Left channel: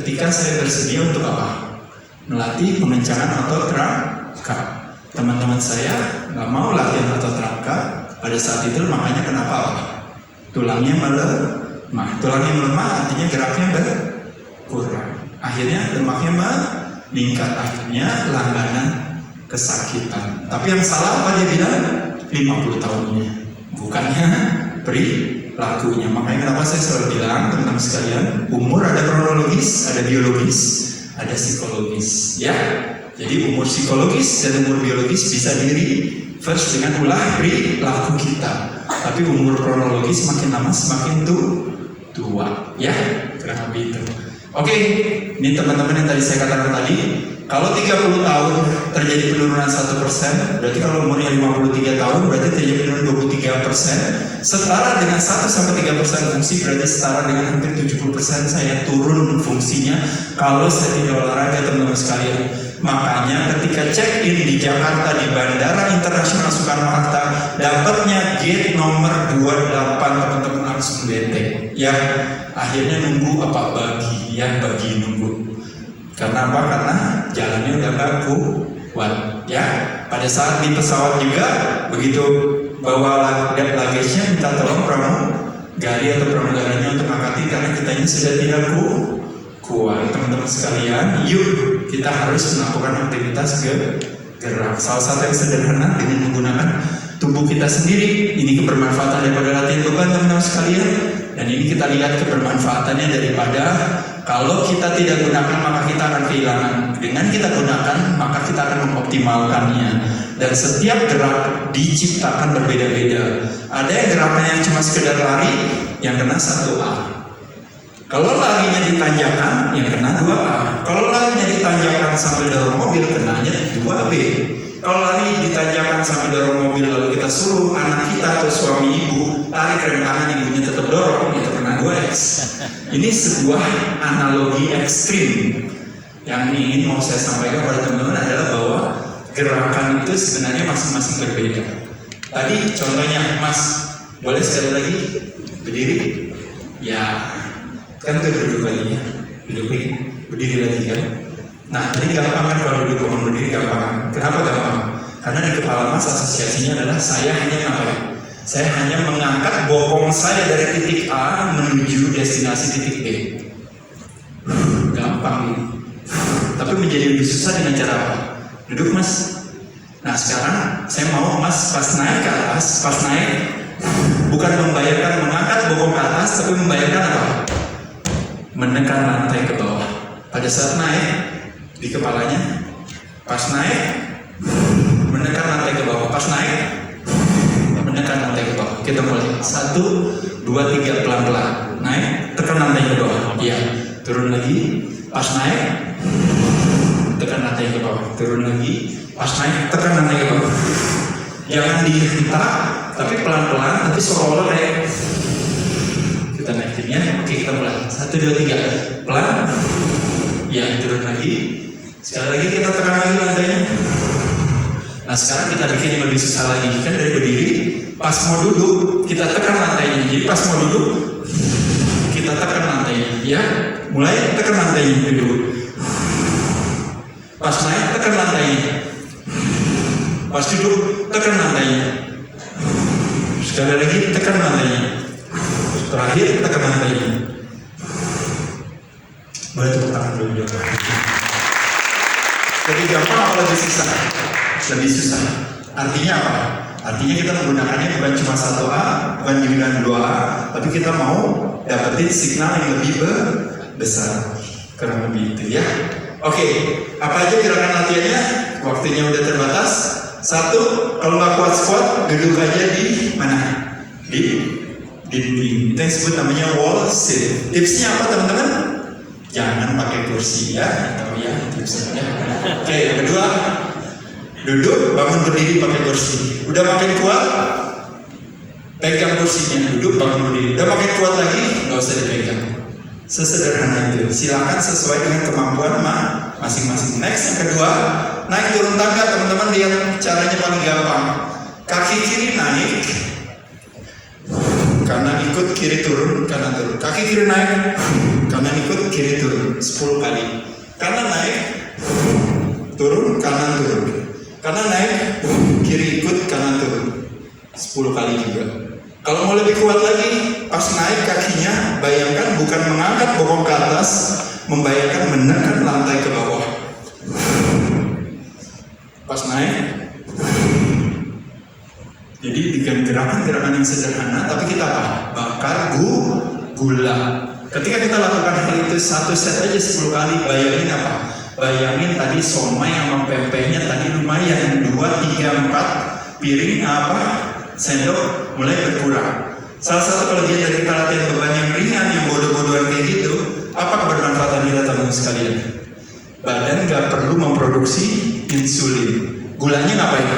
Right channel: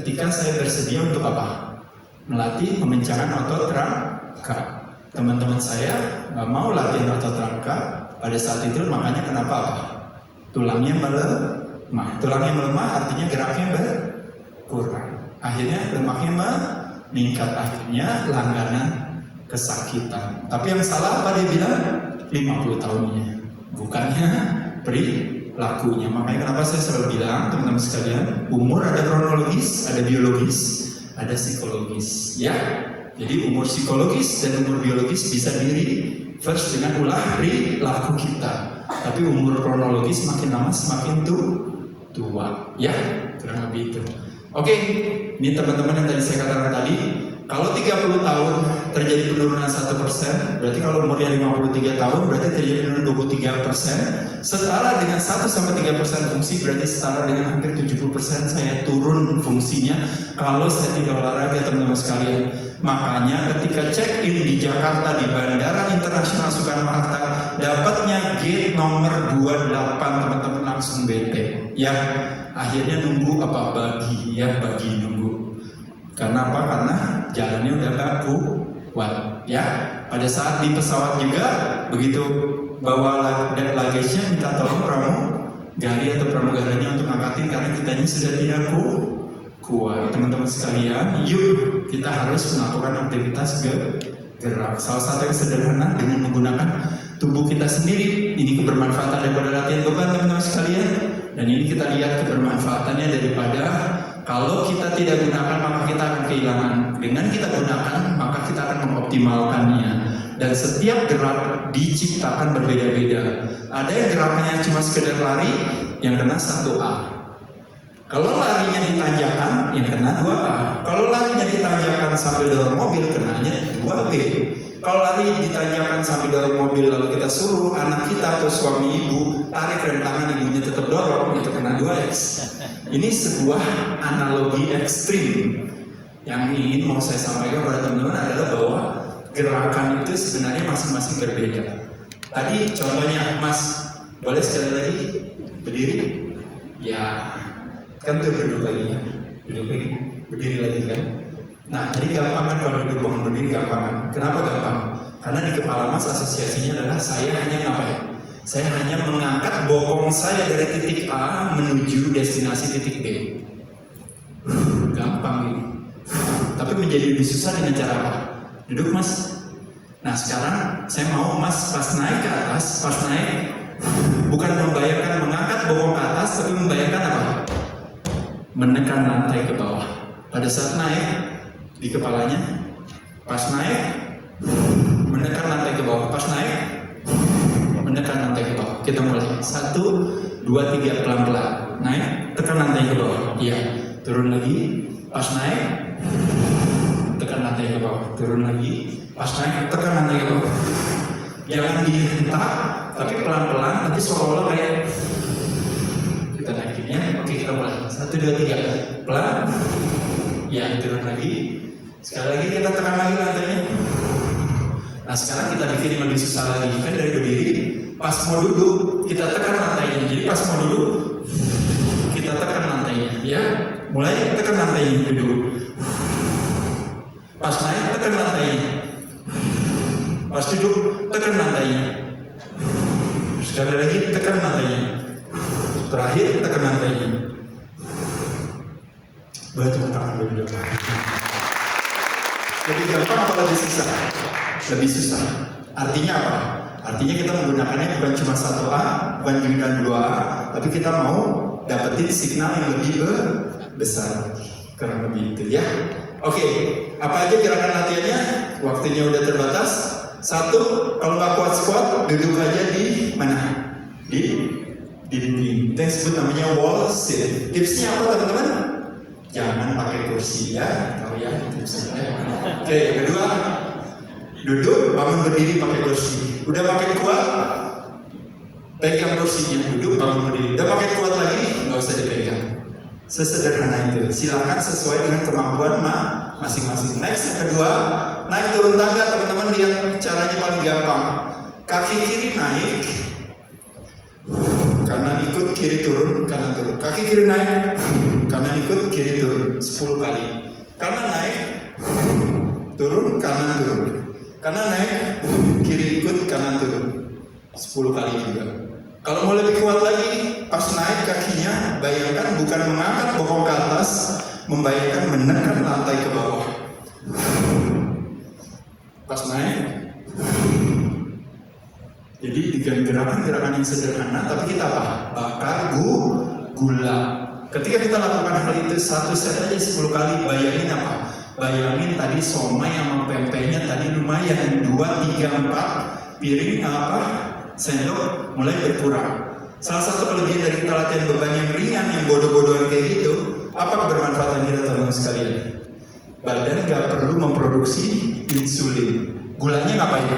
ketika saya bersedia untuk apa? Melatih pengencangan otot rangka. Teman-teman saya nggak mau latihan otot rangka pada saat itu, makanya kenapa? Tulangnya melemah. Tulangnya melemah artinya geraknya berkurang. Akhirnya lemaknya meningkat, akhirnya langganan kesakitan. Tapi yang salah apa dia bilang? 50 tahunnya, bukannya perilakunya. Makanya kenapa saya selalu bilang, teman-teman sekalian, umur ada kronologis, ada biologis, ada psikologis, ya. Jadi umur psikologis dan umur biologis bisa di-reverse dengan ulah perilaku kita. Tapi umur kronologis makin lama semakin tua, ya, kurang lebih itu. Oke, ini teman-teman yang tadi saya katakan tadi, kalau 30 tahun terjadi penurunan 1%, berarti kalau umurnya 53 tahun berarti terjadi penurunan 23%. Setara dengan 1-3% fungsi, berarti setara dengan hampir 70% saya turun fungsinya kalau saya tidak olahraga, teman-teman sekalian. Makanya ketika check-in di Jakarta di Bandara Internasional Soekarno-Hatta, dapatnya gate nomor 28, teman-teman langsung bete. Ya, akhirnya nunggu apa bagi nunggu. Karena apa? Karena jalannya udah gak kuat. Ya, pada saat di pesawat juga begitu bawa luggage-nya minta tolong pramugari atau pramugaranya untuk angkatin karena kitanya sudah tidak kuat. Teman-teman sekalian, yuk kita harus melakukan aktivitas gerak. Salah satu yang sederhana dengan menggunakan tubuh kita sendiri. Ini kebermanfaatan daripada latihan beban, teman-teman sekalian. Dan ini kita lihat kebermanfaatannya daripada kalau kita tidak gunakan maka kita akan kehilangan. Dengan kita gunakan maka kita akan mengoptimalkannya. Dan setiap gerak diciptakan berbeda-beda. Ada yang gerakannya cuma sekedar lari, yang kena 1A. Kalau larinya ditanjakan, yang kena 2A. Kalau larinya ditanjakan sambil dorong mobil, kenanya 2B. Kalau lari ditanjakan sambil dorong mobil lalu kita suruh anak kita atau suami ibu tarik rem tangan, ibunya tetap dorong, itu kena 2X. Ini sebuah analogi ekstrim. Yang ingin mau saya sampaikan kepada teman-teman adalah bahwa gerakan itu sebenarnya masing-masing berbeda. Tadi contohnya, Mas, boleh sekali lagi berdiri? Ya, kan itu duduk lagi ya, berdiri lagi kan. Nah, jadi gampang kan kalau duduk bangun berdiri gampang kan? Kenapa gampang? Karena di kepala Mas asosiasinya adalah saya hanya ngapain? Saya hanya mengangkat bokong saya dari titik A menuju destinasi titik B. Gampang ini. Tapi menjadi lebih susah dengan cara apa? Duduk, Mas. Nah, sekarang saya mau Mas pas naik ke atas, pas naik bukan membayangkan mengangkat bokong ke atas, tapi membayangkan apa? Menekan lantai ke bawah. Pada saat naik di kepalanya, pas naik menekan lantai ke bawah, pas naik menekan lantai ke bawah. Kita mulai 1, 2, 3 pelan-pelan. Naik, tekan lantai ke bawah. Iya, turun lagi. Pas naik, tekan lantai ke bawah. Turun lagi. Pas naik, tekan lantai ke bawah. Jangan dihentak, tapi pelan-pelan, tapi seolah-olah kayak kita naikinnya. Oke, kita mulai 1, 2, 3 pelan. Ya, turun lagi. Sekali lagi kita tekan lagi lantainya. Nah, sekarang kita bikin yang lebih susah lagi. Kan dari berdiri, pas mau duduk kita tekan lantainya. Jadi pas mau duduk kita tekan lantainya. Ya, mulai tekan lantainya duduk. Pas naik tekan lantainya. Pas duduk tekan lantainya. Sekali lagi tekan lantainya. Terakhir tekan lantainya. Boleh tepuk tangan dulu dong. Lebih gampang atau lebih susah? Lebih susah. Artinya apa? Artinya kita menggunakannya bukan cuma 1A, bukan juga 2A, tapi kita mau dapetin signal yang lebih besar. Kurang lebih itu ya. Oke, apa aja gerakan latihannya? Waktunya udah terbatas. 1, kalau nggak kuat squat, duduk aja di mana? Di dinding. Itu yang disebut namanya wall sit. Tipsnya apa, teman-teman? Jangan pakai kursi ya, tahu ya tipsnya. Oke, yang kedua, duduk, bangun berdiri pakai kursi. Udah makin kuat, pegang kursinya, duduk, bangun berdiri. Udah makin kuat lagi, nggak usah dipegang. Sesederhana itu. Silakan sesuai dengan kemampuan masing-masing. Next, yang kedua, naik turun tangga, teman-teman. Lihat caranya paling gampang. Kaki kiri naik, kanan ikut, kiri turun, kanan turun. Kaki kiri naik, kanan ikut, kiri turun 10 kali. Kanan naik, turun, kanan turun. Kanan naik, kiri ikut, kanan turun 10 kali juga. Kalau mau lebih kuat lagi, pas naik kakinya, bayangkan bukan mengangkat bokong ke atas, membayangkan menekan lantai ke bawah. Pas naik, jadi dengan gerakan-gerakan yang sederhana, tapi kita bakar gula. Ketika kita lakukan hal itu satu set aja 10 kali, bayangin apa? Bayangin tadi somai sama pempeknya tadi lumayan 2, 3, 4 piring sendok mulai berkurang. Salah satu kelebihan dari kita latihan beban yang ringan, yang bodoh-bodohan kayak gitu, apa kebermanfaatan kita teman-teman sekalian? Badan nggak perlu memproduksi insulin. Gulanya ngapain?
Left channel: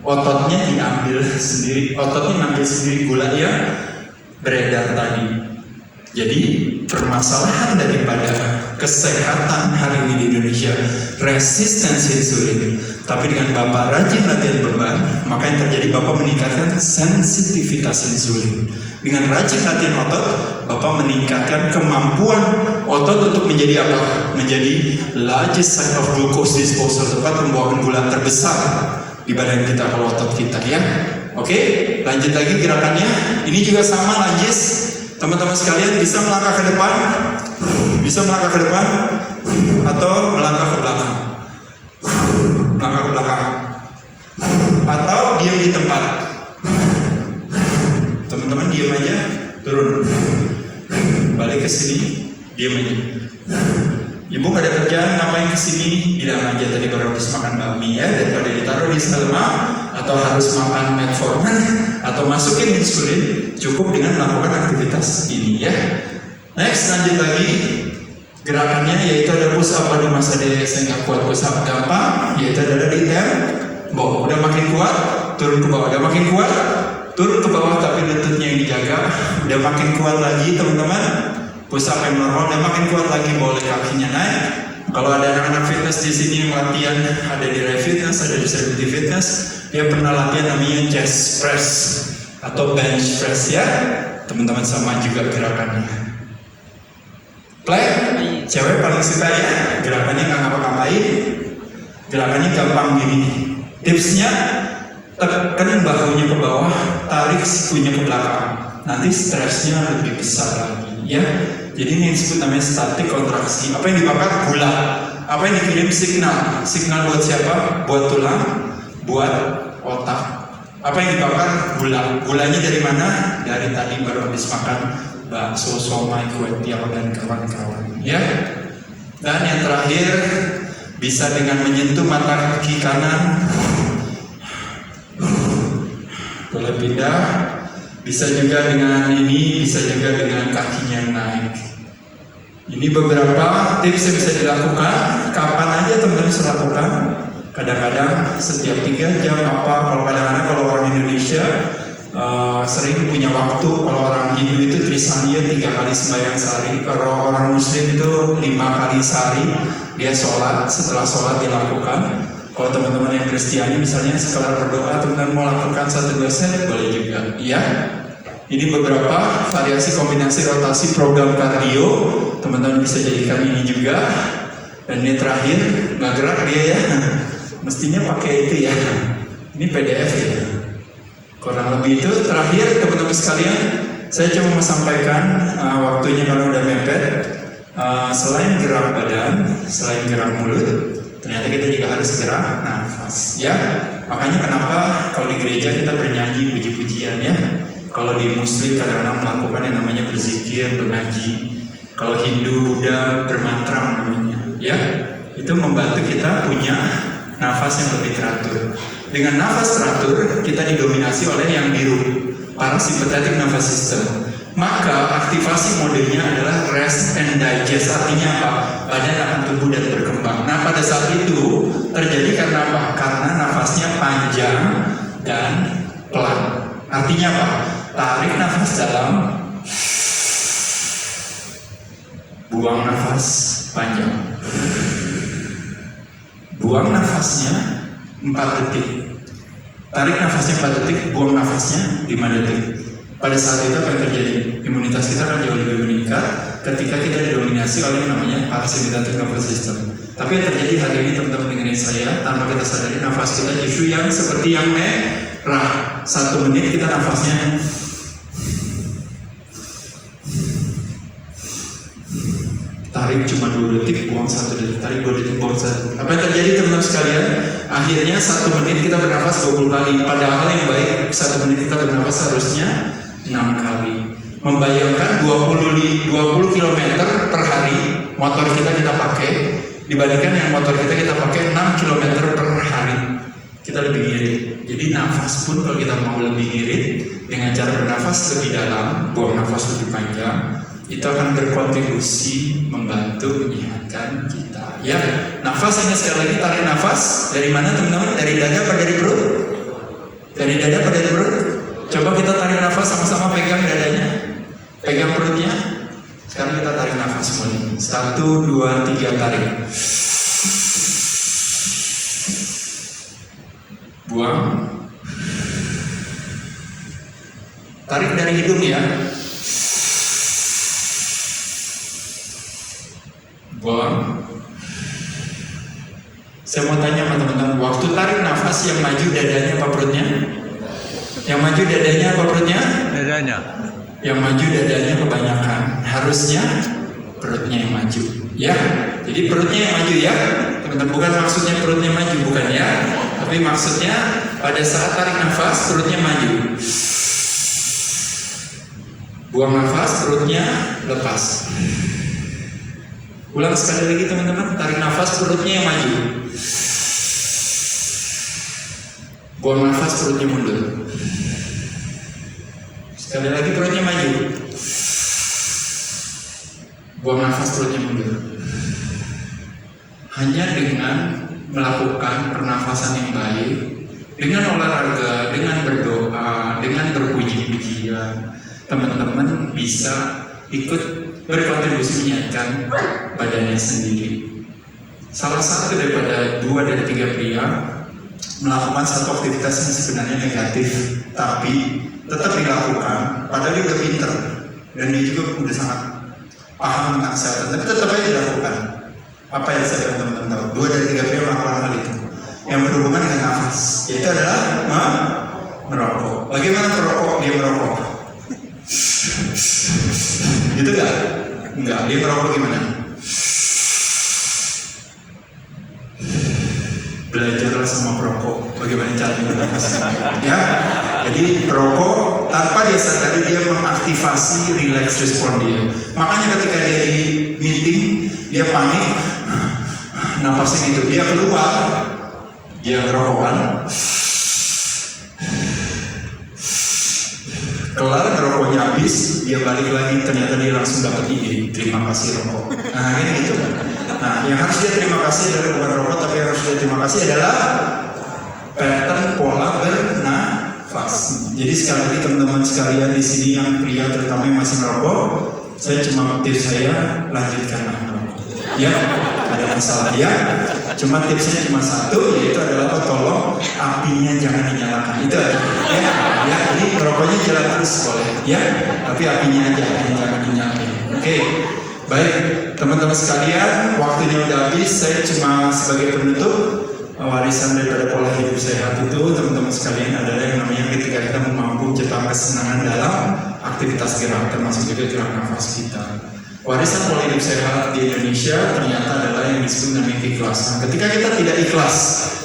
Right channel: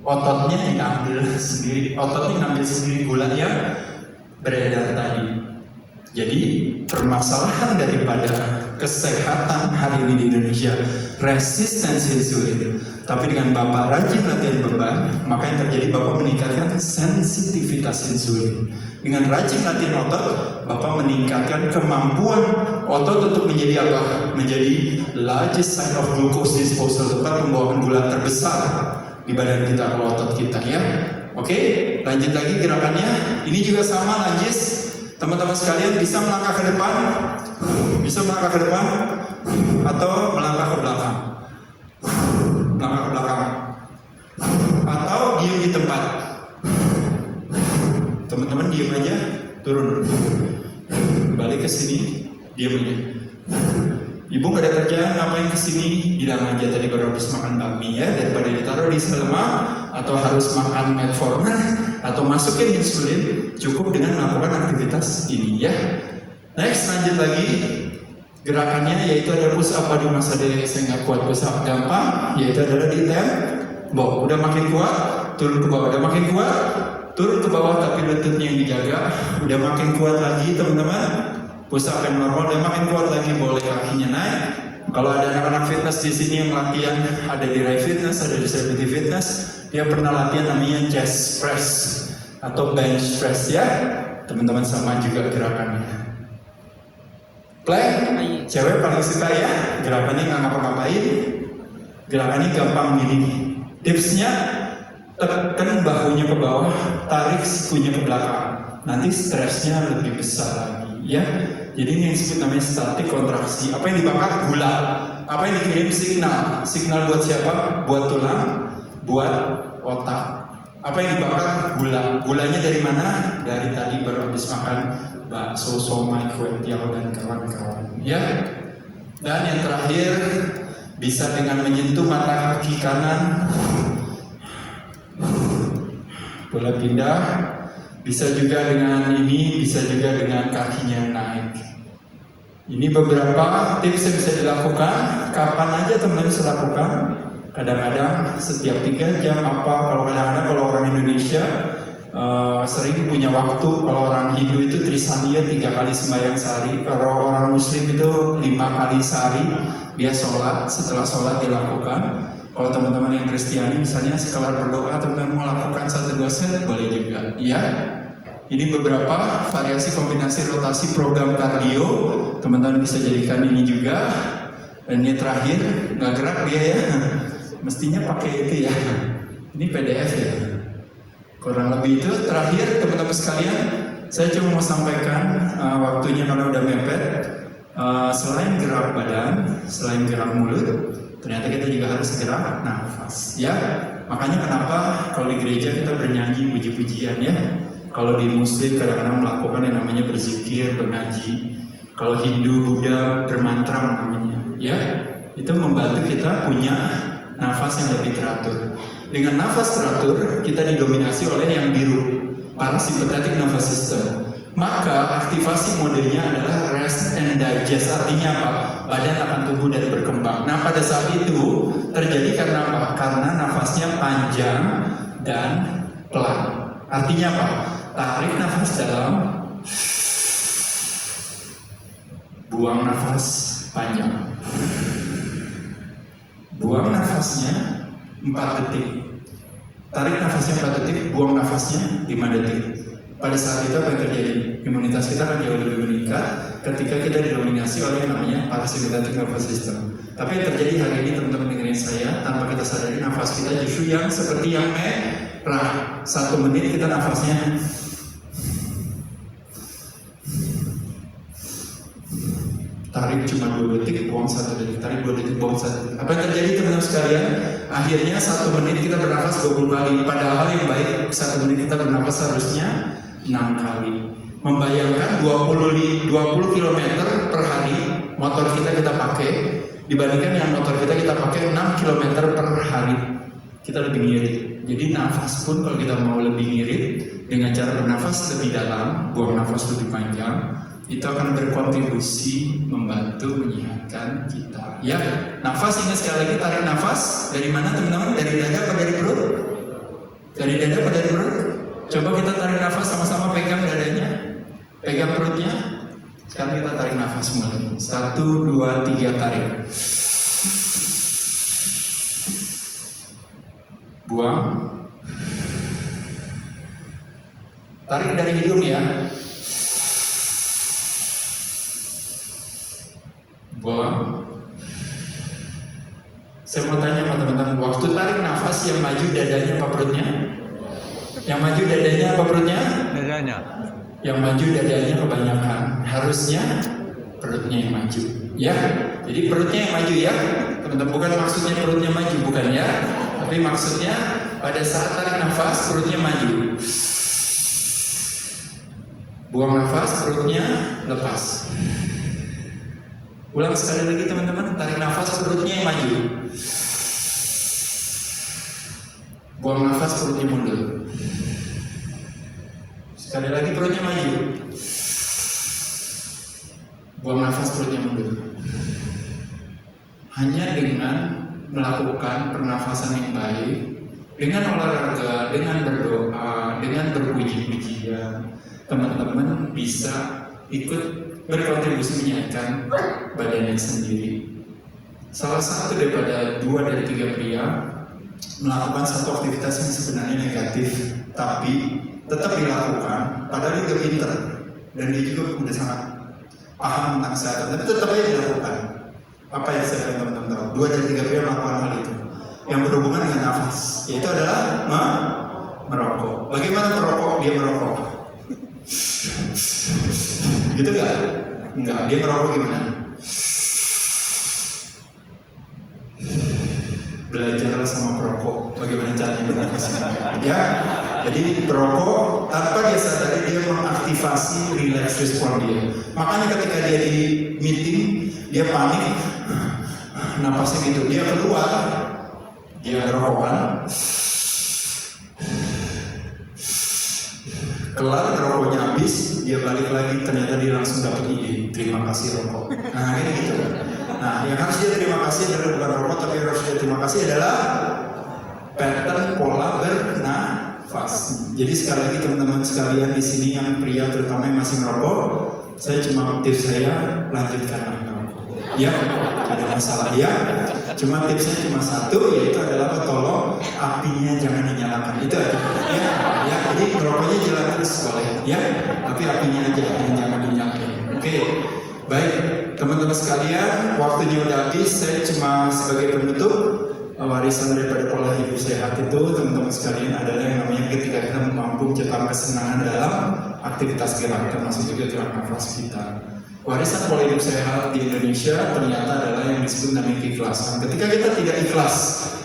Ototnya diambil sendiri, ototnya ngambil sendiri gula yang beredar tadi. Jadi permasalahan daripada kesehatan hari ini di Indonesia, resistensi insulin. Tapi dengan Bapak rajin latihan beban, maka yang terjadi Bapak meningkatkan sensitivitas insulin. Dengan rajin latihan otot, Bapak meningkatkan kemampuan otot untuk menjadi apa? Menjadi largest site of glucose disposal, tempat pembuangan gula terbesar di badan kita kalau otot kita ya. Oke, lanjut lagi gerakannya. Ini juga sama lanjut. Teman-teman sekalian bisa melangkah ke depan, atau melangkah ke belakang, atau diam di tempat. Teman-teman diam aja, turun, balik ke sini, diam aja. Ibu gak ada kerjaan, ngapain kesini? Bilang aja tadi baru habis makan bakmi ya, daripada ditaruh di lemak, atau harus makan metformin, atau masukin insulin, cukup dengan melakukan aktivitas ini ya. Next, lanjut lagi. Gerakannya yaitu ada push up. Aduh masa deh saya nggak kuat push up, gampang, yaitu adalah di tempo. Udah makin kuat, turun ke bawah. Udah makin kuat, turun ke bawah tapi lututnya yang dijaga. Udah makin kuat lagi teman-teman. Push up yang normal, udah makin kuat lagi, boleh kakinya naik. Kalau ada anak-anak fitness di sini yang latihan, ada di Rai Fitness, ada di Celebrity Fitness, dia pernah latihan namanya chest press atau bench press ya. Teman-teman sama juga gerakannya. Play, cewek paling suka ya, gerakannya nggak ngapa-ngapain, gerakannya gampang gini. Tipsnya, tekan bahunya ke bawah, tarik sikunya ke belakang. Nanti stresnya lebih besar lagi ya. Jadi ini yang disebut namanya statik kontraksi. Apa yang dibakar? Gula. Apa yang dikirim? Signal. Signal buat siapa? Buat tulang, buat otak. Apa yang dibakar? Gula. Gulanya dari mana? Dari tadi baru habis makan bakso, somai, kue tiaw dan kawan-kawan. Ya. Dan yang terakhir, bisa dengan menyentuh mata kaki kanan. Boleh pindah. Bisa juga dengan ini, bisa juga dengan kakinya yang naik. Ini beberapa tips yang bisa dilakukan. Kapan aja teman-teman bisa lakukan. Kadang-kadang setiap 3 jam kalau kadang-kadang kalau orang Indonesia sering punya waktu. Kalau orang Hindu itu trisaniya 3 kali sembahyang sehari. Kalau orang Muslim itu 5 kali sehari dia sholat. Setelah sholat dilakukan. Kalau teman-teman yang Kristiani misalnya sekelar berdoa, teman-teman mau lakukan 1-2 set boleh juga. Iya. Ini beberapa variasi kombinasi rotasi program kardio. Teman-teman bisa jadikan ini juga. Dan ini terakhir, nggak gerak dia ya. Mestinya pakai itu ya. Ini PDF ya. Kurang lebih itu terakhir teman-teman sekalian. Saya cuma sampaikan waktunya karena udah mepet. Selain gerak badan, selain gerak mulut, ternyata kita juga harus gerak nafas ya. Makanya kenapa kalau di gereja kita bernyanyi puji-pujian ya. Kalau di Muslim kadang-kadang melakukan yang namanya berzikir, mengaji. Kalau Hindu, Buddha bermantra namanya ya. Itu membantu kita punya nafas yang lebih teratur. Dengan nafas teratur kita didominasi oleh yang biru, parasympathetic nervous system. Maka aktivasi modenya adalah rest and digest. Artinya apa? Badan akan tumbuh dan berkembang. Nah pada saat itu terjadi karena apa? Karena nafasnya panjang dan pelan. Artinya apa? Tarik nafas dalam, buang nafas panjang. Buang nafasnya 4 detik. Tarik nafasnya 4 detik, buang nafasnya 5 detik. Pada saat itu apa yang terjadi? Imunitas kita akan jauh lebih meningkat. ketika kita didominasi oleh yang namanya parasympathetic nervous system. Tapi yang terjadi hari ini teman-teman dengerin saya, tanpa kita sadari nafas kita justru yang seperti yang merah. 1 menit kita nafasnya tarik cuma 2 detik, buang 1 detik, tarik 2 detik, buang 1 detik. Apa yang terjadi teman-teman sekalian? Akhirnya 1 menit kita bernafas 20 kali. Padahal yang baik 1 menit kita bernafas harusnya 6 kali. Membayangkan 20 km per hari motor kita pakai, dibandingkan yang motor kita pakai 6 km per hari. Kita lebih ngirit. Jadi nafas pun kalau kita mau lebih ngirit dengan cara bernafas lebih dalam, buang nafas lebih panjang, itu akan berkontribusi membantu menyehatkan kita. Ya, nafas ini sekali lagi tarik nafas dari mana teman-teman? Dari dada atau dari perut? Dari dada atau dari perut? Coba kita tarik nafas sama-sama, pegang dadanya, pegang perutnya. Sekarang kita tarik nafas mulai. 1, 2, 3 tarik. Buang. Tarik dari hidung ya. Buang. Saya mau tanya sama teman-teman, waktu tarik nafas yang maju dadanya apa perutnya? Yang maju dadanya apa perutnya? Dadanya. Yang maju dadanya kebanyakan. Harusnya perutnya yang maju. Ya, jadi perutnya yang maju ya. Teman-teman, bukan maksudnya perutnya maju, bukan ya. Tapi maksudnya pada saat tarik nafas perutnya maju. Buang nafas perutnya lepas. Ulang sekali lagi teman-teman, tarik nafas perutnya yang maju. Buang nafas perutnya mundur. Sekali lagi perutnya maju. Buang nafas perutnya mundur. Hanya dengan melakukan pernafasan yang baik, dengan olahraga, dengan berdoa, dengan berpuji-pujian, teman-teman bisa ikut berkontribusi menyehatkan badannya sendiri. Salah satu daripada 2 dari 3 pria melakukan satu aktivitas yang sebenarnya negatif, tapi tetap dilakukan, padahal dia udah pinter dan dia juga udah sangat paham tentang kesehatan, tapi tetap aja dilakukan. Apa yang saya pengen teman-teman tahu? 2 dari 3 pria melakukan hal itu yang berhubungan dengan nafas, yaitu adalah merokok. Bagaimana perokok? Dia merokok. Gitu gak? Enggak, dia merokok gimana? Belajarlah sama perokok bagaimana caranya bernafas. Ya, jadi perokok tanpa dia sadari dia mengaktifasi relax respon dia. Makanya ketika dia di meeting, dia panik, nafasnya gitu, dia keluar, dia ngerokokan, kelar ngerokoknya habis, dia balik lagi, ternyata dia langsung dapat ide, terima kasih rokok. Nah gitu kan. Nah yang harus dia terima kasih adalah bukan rokok, tapi yang harus dia terima kasih adalah pattern pola bernafas. Jadi sekali lagi teman-teman sekalian di sini yang pria terutama yang masih merokok, saya cuma tips saya, lanjutkanlah merokok. Ya, ada masalah ya. Cuma tipsnya cuma satu, yaitu adalah tolong apinya jangan dinyalakan. Itu aja. Ya, jadi merokoknya jalan terus boleh, ya. Tapi apinya aja yang jangan dinyalakan. Oke, baik teman-teman sekalian, waktunya udah habis. Saya cuma sebagai penutup, warisan daripada pola hidup sehat itu teman-teman sekalian adalah yang namanya ketika kita mampu menciptakan kesenangan dalam aktivitas gerak, termasuk juga gerak nafas kita. Warisan pola hidup sehat di Indonesia ternyata adalah yang disebut namanya keikhlasan. Ketika kita tidak ikhlas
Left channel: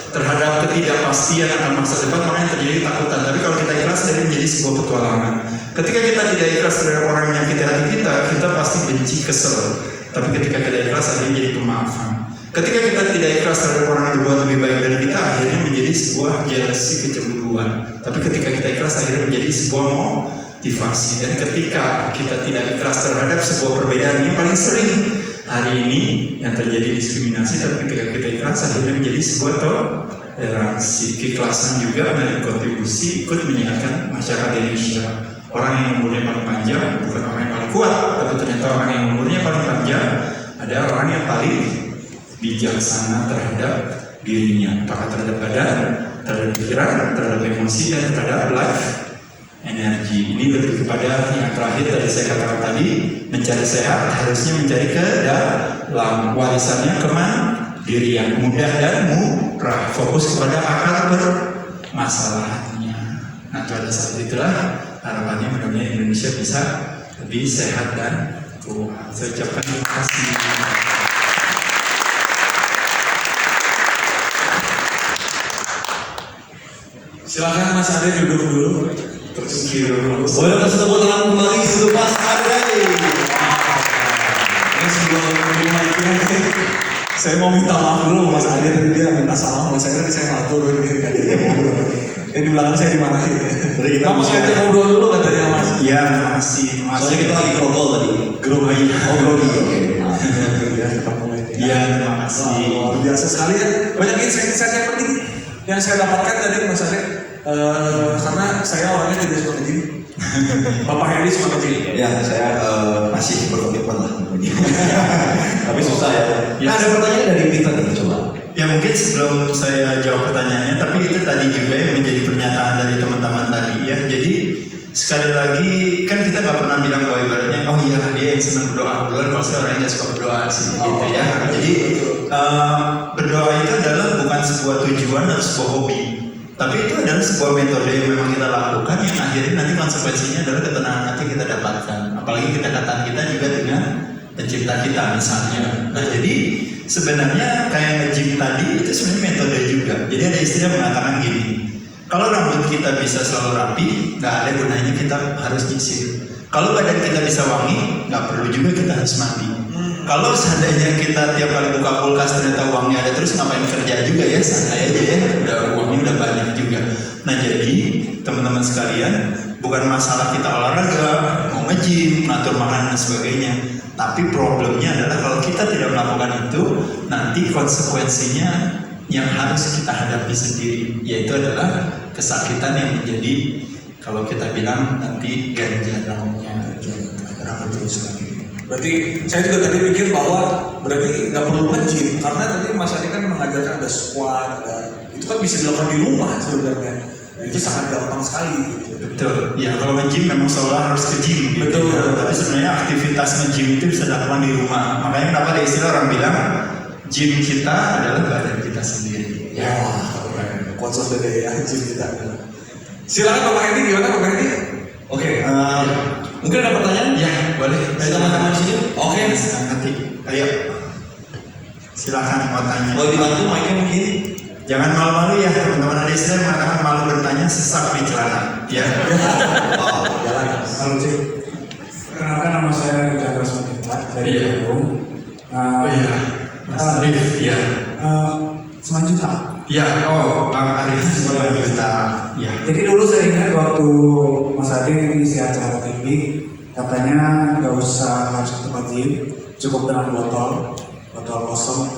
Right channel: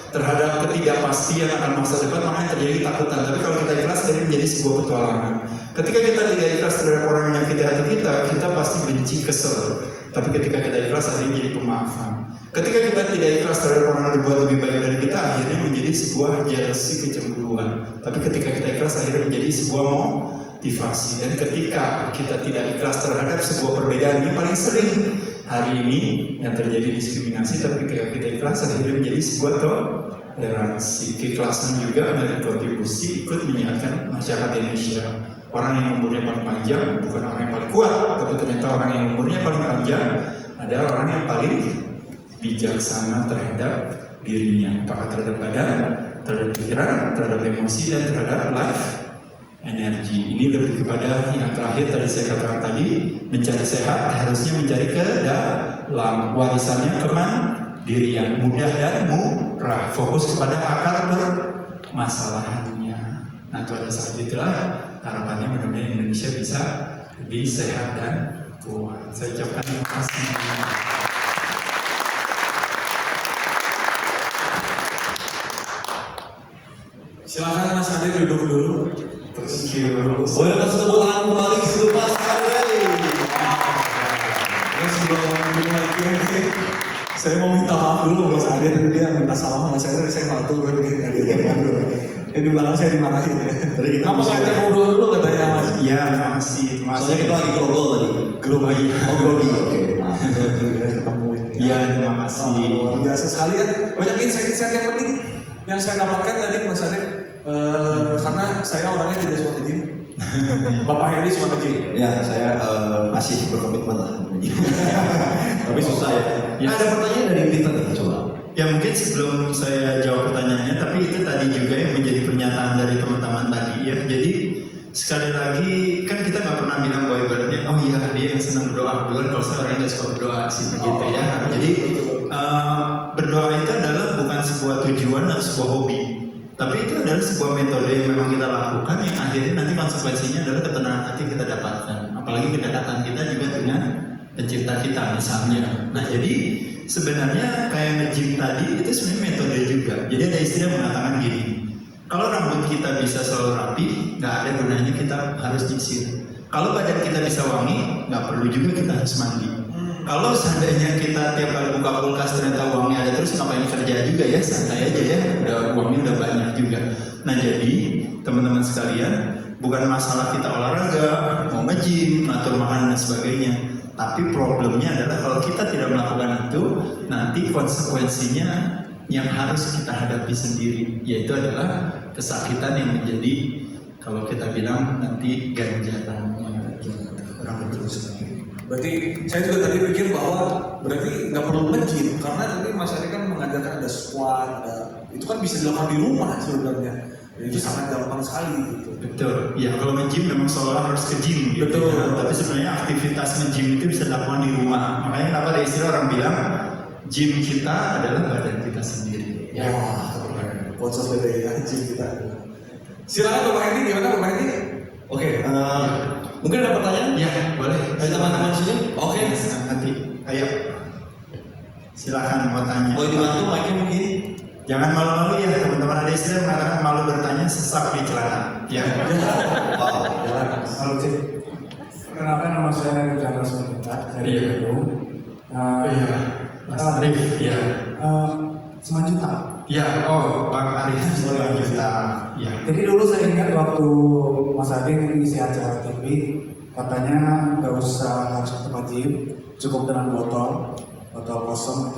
terhadap ketidakpastian akan masa depan, makanya terjadi ketakutan. Tapi kalau kita ikhlas, jadi menjadi sebuah petualangan. Ketika kita tidak ikhlas terhadap orang yang menyakiti hati kita, kita pasti benci, kesel. Tapi ketika kita ikhlas, akhirnya menjadi pemaafan. Ketika kita tidak ikhlas terhadap orang yang berbuat lebih baik dari kita, akhirnya menjadi sebuah jealousy, kecemburuan. Tapi ketika kita ikhlas, akhirnya menjadi sebuah motivasi. Dan ketika kita tidak ikhlas terhadap sebuah perbedaan yang paling sering hari ini yang terjadi diskriminasi, tapi ketika kita ikhlas akhirnya menjadi sebuah toleransi. Keikhlasan juga berkontribusi ikut menyehatkan masyarakat Indonesia. Orang yang umurnya paling panjang bukan orang yang paling kuat, tapi ternyata orang yang umurnya paling panjang adalah orang yang paling bijaksana terhadap dirinya, apakah terhadap badan, terhadap pikiran, terhadap emosi, dan terhadap life energi. Ini lebih kepada yang terakhir tadi saya katakan tadi, mencari sehat harusnya mencari ke dalam, warisannya kemandirian, mudah dan murah, fokus kepada akar permasalahannya. Nah pada saat itulah harapannya mudah-mudahan Indonesia bisa lebih sehat dan kuat. Saya ucapkan terima kasih. Silakan Mas Ade duduk dulu. Terus boleh kasih tepuk tangan kembali untuk Mas Ade. Ini sebelum menerima itu saya mau minta maaf dulu Mas Ade, tadi dia minta salam sama saya, tadi saya nggak turun gitu kan dia ngobrol. Di belakang saya dimarahin. Jadi kita mau ngajak ngobrol dulu katanya Mas. Iya, makasih. Soalnya kita lagi grogol tadi. Grogi. Oh grogi. Iya, terima kasih. Luar biasa sekali ya. Banyak insight-insight yang penting yang saya dapatkan tadi Mas Ade. Karena saya orangnya tidak suka nge-gym. Bapak Hendy suka nge-gym. Ya, saya masih berkomitmen lah. Tapi susah ya. Nah, ada pertanyaan dari Peter nih, coba. Ya mungkin sebelum saya jawab pertanyaannya, tapi itu tadi juga yang menjadi pernyataan dari teman-teman tadi ya. Jadi sekali lagi kan kita nggak pernah bilang bahwa ibaratnya oh iya dia yang senang berdoa, bukan kalau saya orang yang suka berdoa sih gitu ya. Jadi berdoa itu adalah bukan sebuah tujuan atau sebuah hobi, tapi itu adalah sebuah metode yang memang kita lakukan yang akhirnya nanti konsekuensinya adalah ketenangan hati yang kita dapatkan. Apalagi kedekatan kita juga dengan pencipta kita misalnya. Nah jadi sebenarnya kayak nge-gym tadi itu sebenarnya metode juga. Jadi ada istilah mengatakan gini, kalau rambut kita bisa selalu rapi, nggak ada gunanya kita harus nyisir. Kalau badan kita bisa wangi, nggak perlu juga kita harus mandi. Kalau seandainya kita tiap kali buka kulkas ternyata uangnya ada terus, ngapain kerja juga ya, santai aja ya, uangnya udah banyak juga. Nah jadi teman-teman sekalian, bukan masalah kita olahraga, mau nge-gym, ngatur makanan dan sebagainya. Tapi problemnya adalah kalau kita tidak melakukan itu, nanti konsekuensinya yang harus kita hadapi sendiri, yaitu adalah kesakitan yang menjadi, kalau kita bilang nanti ganjarannya terus lagi. Berarti saya juga tadi pikir bahwa berarti nggak perlu nge-gym, karena tadi Mas Ade kan mengajarkan ada squat, itu kan bisa dilakukan di rumah sebenarnya. Dan itu sangat gampang sekali gitu. Betul. Ya kalau nge-gym memang seolah harus ke gym gitu. Betul. Tapi sebenarnya aktivitas nge-gym itu bisa dilakukan di rumah. Makanya kenapa ada istilah orang bilang gym kita adalah badan kita sendiri. Ya, quotes of the day ya, gym kita. Silakan Bapak Hendy, gimana Bapak Hendy? Oke, mungkin ada pertanyaan? Ya, boleh. Dari teman-teman di sini? Oke, senang hati. Ayo. Silakan mau tanya. Boleh dibantu mic-nya mungkin? Jangan malu-malu ya, teman-teman. Ada istilah mengatakan malu bertanya sesak di celana. Ya. Wow. Perkenalkan nama saya Chandra Sumantinta dari Bandung. Iya. Mas Arif. Iya. 9 juta. Ya. Oh, Bang Arif. 9 juta. Ya. Jadi dulu saya ingat waktu Mas Ade ngisi acara TV, katanya nggak usah harus ke tempat gym, cukup dengan botol kosong,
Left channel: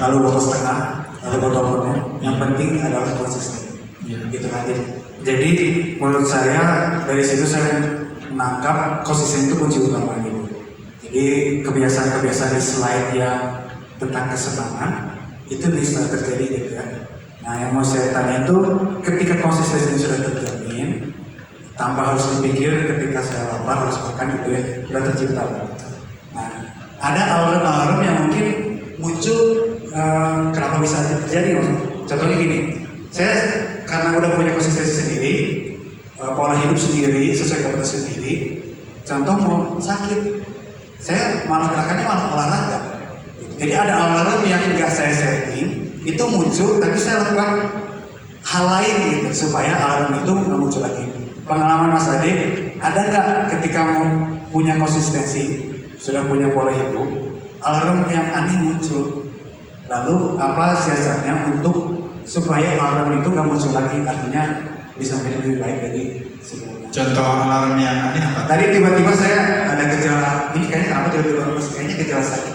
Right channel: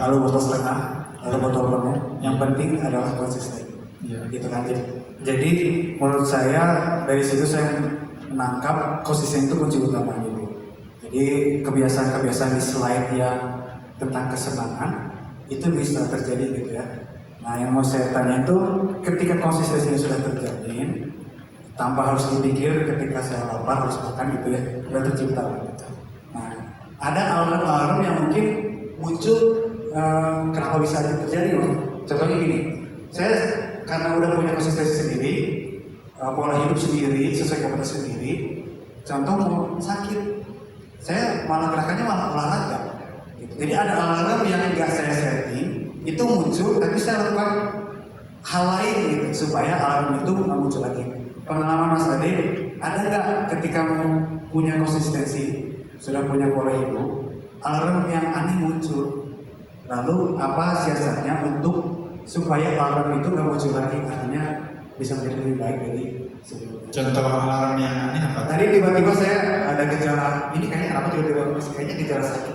lalu botol setengah, lalu botol penuh. Yang penting adalah konsisten. Ya. Gitu kan. Jadi menurut saya dari situ saya menangkap konsisten itu kunci utama gitu. Jadi kebiasaan-kebiasaan di slide yang tentang kesenangan itu bisa terjadi gitu ya. Nah yang mau saya tanya itu ketika konsistensi sudah terjamin, tanpa harus dipikir ketika saya lapar harus makan gitu ya, sudah tercipta. Nah ada alarm-alarm yang mungkin muncul kenapa bisa terjadi? Contohnya gini, saya karena udah punya konsistensi sendiri, pola hidup sendiri, sesuai kebutuhan sendiri. Contoh mau sakit, saya malah gerakannya malah olahraga. Jadi ada alarm yang nggak saya setting, itu muncul, tapi saya lakukan hal lain gitu supaya alarm itu nggak muncul lagi. Pengalaman Mas Ade, ada nggak ketika mau punya konsistensi, sudah punya pola hidup, alarm yang aneh muncul? Lalu apa siasatnya untuk supaya alarm itu nggak muncul lagi, artinya bisa menjadi lebih baik dari sebelumnya? Contoh alarm yang aneh apa? Tadi tiba-tiba saya ada gejala, ini kayaknya kenapa tiba-tiba kayaknya gejala sakit.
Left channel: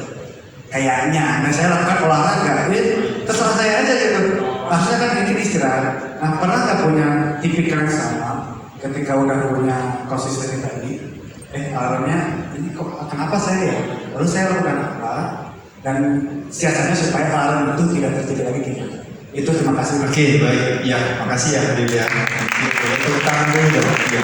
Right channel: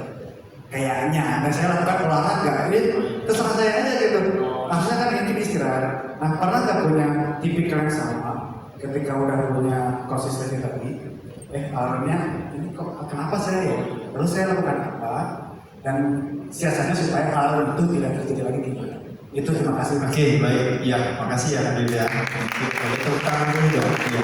Kayaknya, dan saya lakukan olahraga, ini terserah saya aja gitu. Harusnya kan mungkin istirahat. Nah pernah nggak punya tipikal yang sama ketika udah punya konsistensi tadi? Alarmnya ini kok kenapa saya ya? Lalu saya lakukan apa? Dan siasatnya supaya alarm itu tidak terjadi lagi gimana? Itu terima kasih. Oke, baik. Ya, makasih ya Adil ya. Tepuk tangan dulu dong. Ya.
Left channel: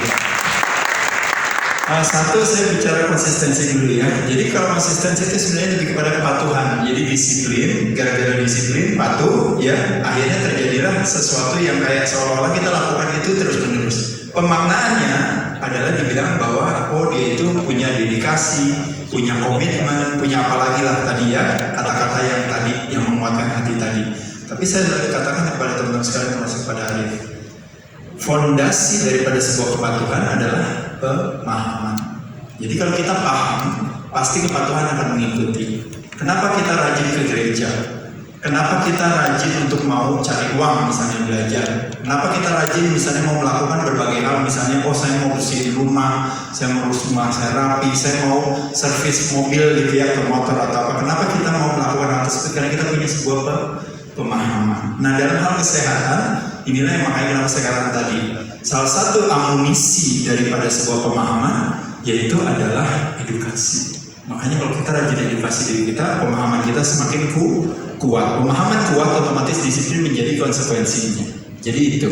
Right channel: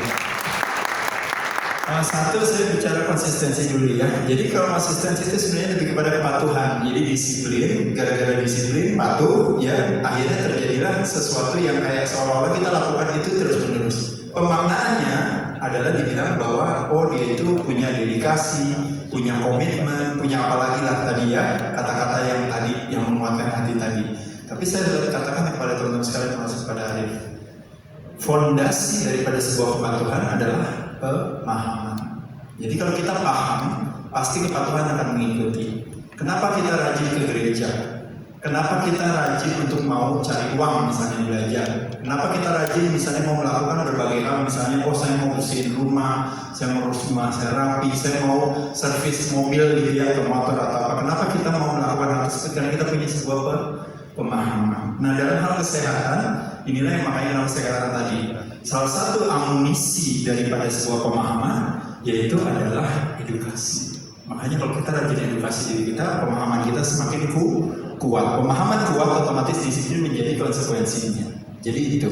Satu, saya bicara konsistensi dulu ya. Jadi kalau konsistensi itu sebenarnya lebih kepada kepatuhan. Jadi disiplin, gara-gara disiplin, patuh, ya akhirnya terjadilah sesuatu yang kayak seolah-olah kita lakukan itu terus-menerus. Pemaknaannya adalah dibilang bahwa dia itu punya dedikasi, punya komitmen, punya apalagi lah tadi ya, kata-kata yang tadi yang menguatkan hati tadi. Tapi saya katakan kepada teman-teman sekalian termasuk kepada Arif, fondasi daripada sebuah kepatuhan adalah pemahaman. Jadi kalau kita paham, pasti kepatuhan akan mengikuti. Kenapa kita rajin ke gereja? Kenapa kita rajin untuk mau cari uang misalnya belajar? Kenapa kita rajin misalnya mau melakukan berbagai hal, misalnya saya mau bersihin rumah, saya mau urus rumah, saya rapi, saya mau servis mobil gitu ya, ke motor atau apa. Kenapa kita mau melakukan hal tersebut? Karena kita punya sebuah pemahaman. Nah dalam hal kesehatan, inilah yang makanya kenapa saya katakan tadi, salah satu amunisi daripada sebuah pemahaman yaitu adalah edukasi. Makanya kalau kita rajin edukasi diri kita, pemahaman kita semakin kuat. Pemahaman kuat, otomatis disiplin menjadi konsekuensinya. Jadi itu.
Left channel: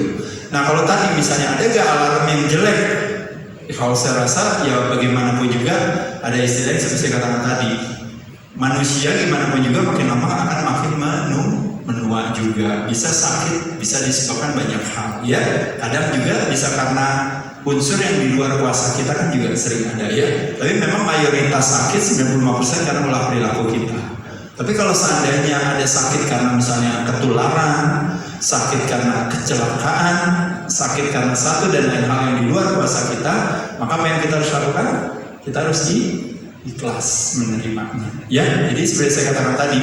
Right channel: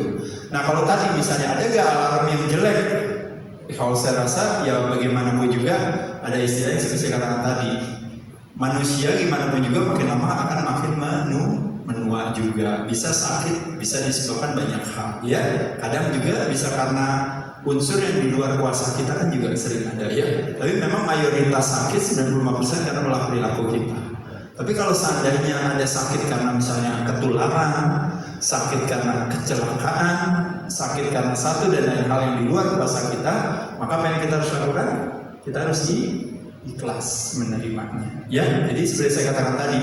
Nah kalau tadi misalnya ada gak alarm yang jelek? Kalau saya rasa ya bagaimanapun juga ada istilah yang seperti saya katakan tadi. Manusia gimana pun juga makin lama akan makin menua juga, bisa sakit, bisa disebabkan banyak hal ya. Kadang juga bisa karena unsur yang di luar kuasa kita kan juga sering ada ya. Tapi memang mayoritas sakit 95% karena ulah perilaku kita. Tapi kalau seandainya ada sakit karena misalnya ketularan, sakit karena kecelakaan, sakit karena satu dan lain hal yang di luar kuasa kita, maka apa yang kita harus lakukan? Kita harus ikhlas menerimanya. Ya, jadi seperti saya katakan tadi,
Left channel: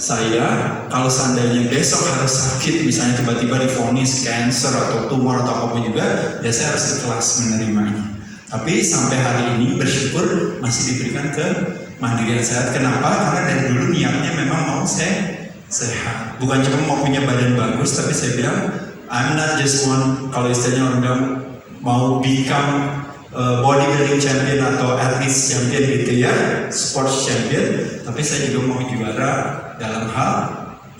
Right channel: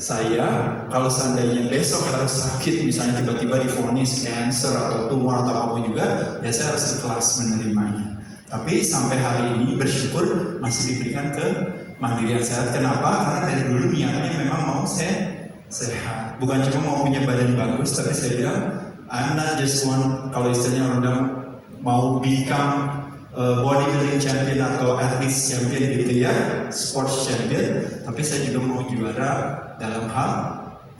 saya kalau seandainya besok harus sakit, misalnya tiba-tiba divonis cancer atau tumor atau apapun juga, ya saya harus ikhlas menerimanya. Tapi sampai hari ini bersyukur masih diberikan kemandirian sehat. Kenapa? Karena dari dulu niatnya memang mau sehat. Bukan cuma mau punya badan bagus, tapi saya bilang I'm not just one, kalau istilahnya orang bilang mau become bodybuilding champion atau athlete champion gitu ya, sports champion, tapi saya juga mau juara dalam hal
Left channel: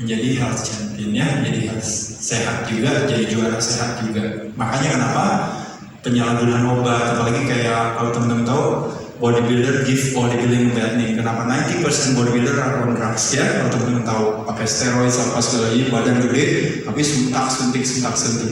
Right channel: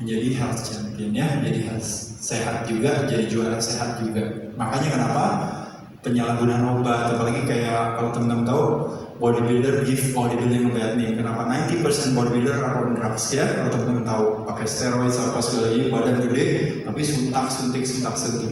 menjadi health champion ya, menjadi health sehat juga, jadi juara sehat juga. Makanya kenapa penyalahgunaan obat, apalagi kayak kalau teman-teman tahu bodybuilder give bodybuilding bad name. Kenapa 90% bodybuilder are on drugs ya? Kalau teman-teman tahu pakai steroid apa segala ini, badan gede, tapi suntik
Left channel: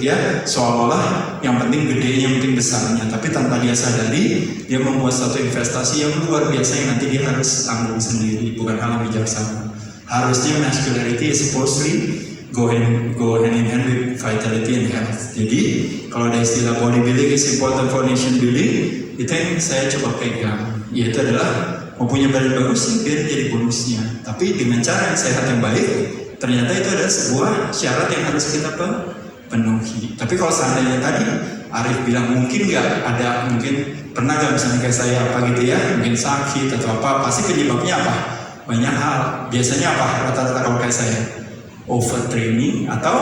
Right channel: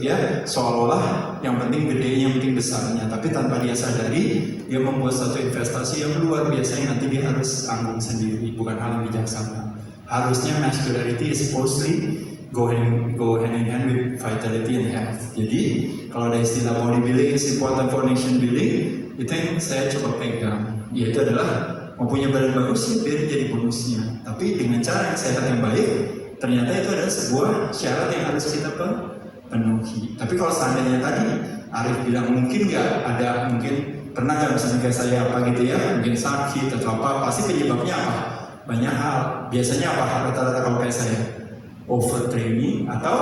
ya. Seolah-olah yang penting gedenya, yang penting besarnya. Tapi tanpa dia sadari, dia membuat satu investasi yang luar biasa yang nanti dia harus tanggung sendiri. Bukan hal yang bijaksana. Harusnya masculinity is supposedly go hand in hand with vitality and health. Jadi kalau ada istilah bodybuilding is important for nation building, itu yang saya coba pegang, yaitu adalah mau punya badan bagus sih biar jadi bonusnya, tapi dengan cara yang sehat yang baik. Ternyata itu adalah sebuah syarat yang harus kita penuhi. Tapi kalau seandainya tadi Arif bilang mungkin nggak ada, mungkin pernah nggak misalnya kayak saya apa gitu ya, mungkin sakit atau apa, pasti penyebabnya apa? Banyak hal. Biasanya apa rata-rata kalau kayak saya? Overtraining atau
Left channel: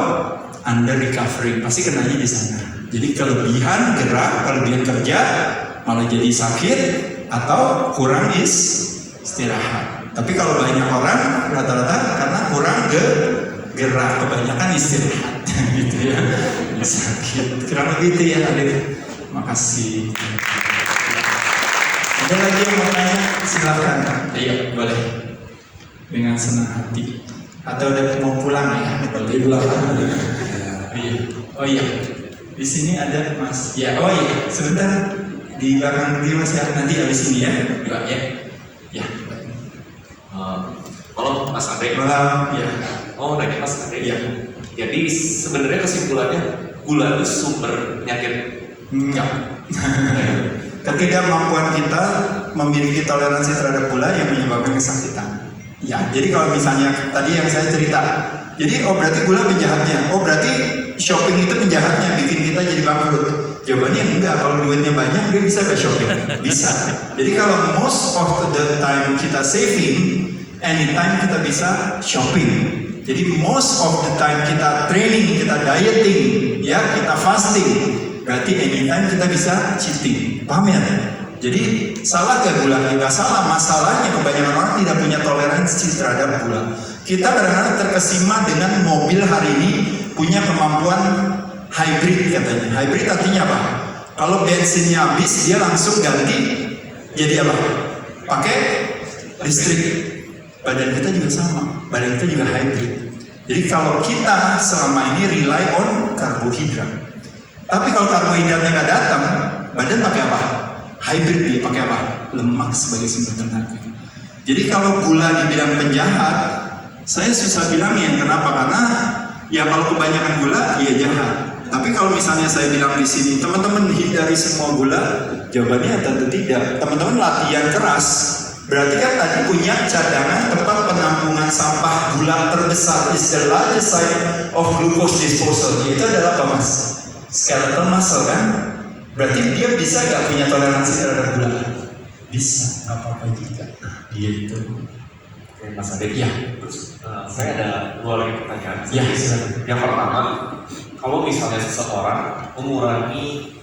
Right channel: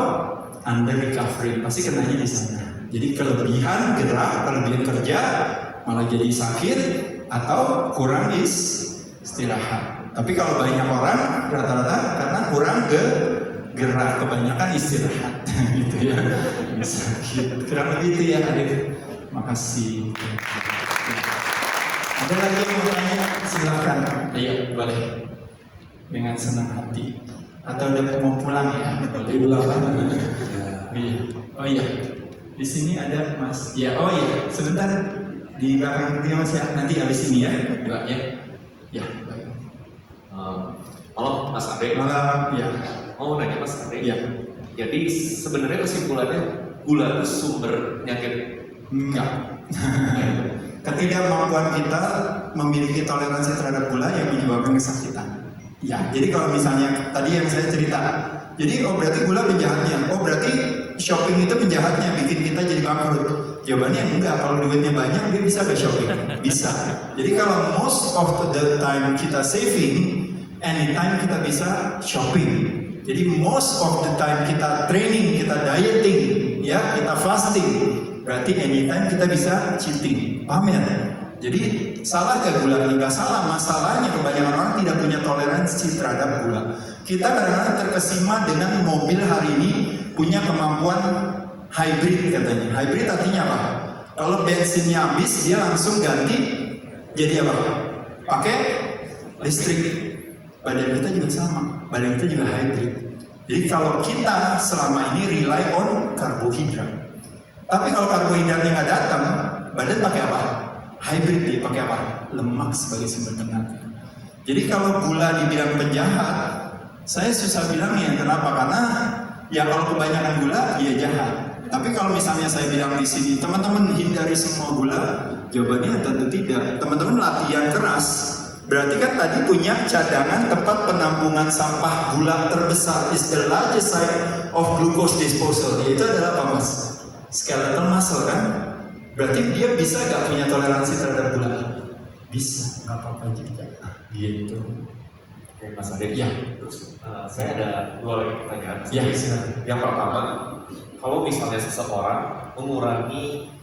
under recovery, pasti kenanya di sana. Jadi kelebihan gerak, kelebihan kerja malah jadi sakit atau kurang istirahat. Tapi kalau banyak orang rata-rata karena kurang gerak, kebanyakan istirahat gitu ya, sakit. Kurang lebih itu ya Adit. Makasih. Ada lagi yang mau tanya? Silakan. Ayo boleh. Dengan senang hati. Atau udah mau pulang ya? Boleh pulang. Oh iya. Di sini ada Mas. Ya, oh iya. Sebentar di belakang dulu Mas ya. Nanti habis ini ya. Doa ya. Ya. Halo Mas Ade. Ya. Oh, nanya Mas Ade. Ya. Jadi sebenarnya kesimpulannya gula itu sumber penyakit. Enggak. Ketidakmampuan kita memiliki toleransi terhadap gula yang menyebabkan kesakitan. Ya, jadi kalau misalnya tadi yang saya cerita, jadi berarti gula penjahatnya, berarti shopping itu penjahatnya, bikin kita jadi bangkrut. Jawabannya enggak, kalau duitnya banyak dia bisa gak shopping? Bisa. Jadi kalau most of the time kita saving, anytime kita bisa shopping. Jadi most of the time kita training, kita dieting, ya kita fasting, berarti anytime kita bisa cheating. Paham ya? Jadi salah nggak gula? Nggak salah. Masalahnya kebanyakan orang tidak punya toleransi terhadap gula. Kita kadang-kadang terkesima dengan mobil hari ini punya kemampuan hybrid katanya. Hybrid artinya apa? Kalau bensinnya habis dia langsung ganti jadi apa? Pakai listrik. Badan kita juga sama. Badan kita juga hybrid. Jadi kalau kita selama ini rely on karbohidrat. Tapi kalau karbohidratnya nggak datang, badan pakai apa? Hybrid dia pakai apa? Lemak sebagai sumber tenaga. Jadi kalau gula dibilang penjahat, saya susah bilangnya. Kenapa? Karena ya kalau kebanyakan gula, ya jahat. Tapi kalau misalnya saya bilang di sini, teman-teman hindari semua gula, jawabannya tentu tidak. Teman-teman latihan keras, berarti kan tadi punya cadangan tempat penampungan sampah gula terbesar, is the largest site of glucose disposal. Itu adalah apa mas? Skeletal muscle kan? Berarti dia bisa gak punya toleransi terhadap gula? Bisa, gak apa-apa juga. Gitu. Oke, Mas Ade. Ya. Saya ada 2 lagi pertanyaan. Ya, silakan. Yang pertama, kalau misalnya seseorang mengurangi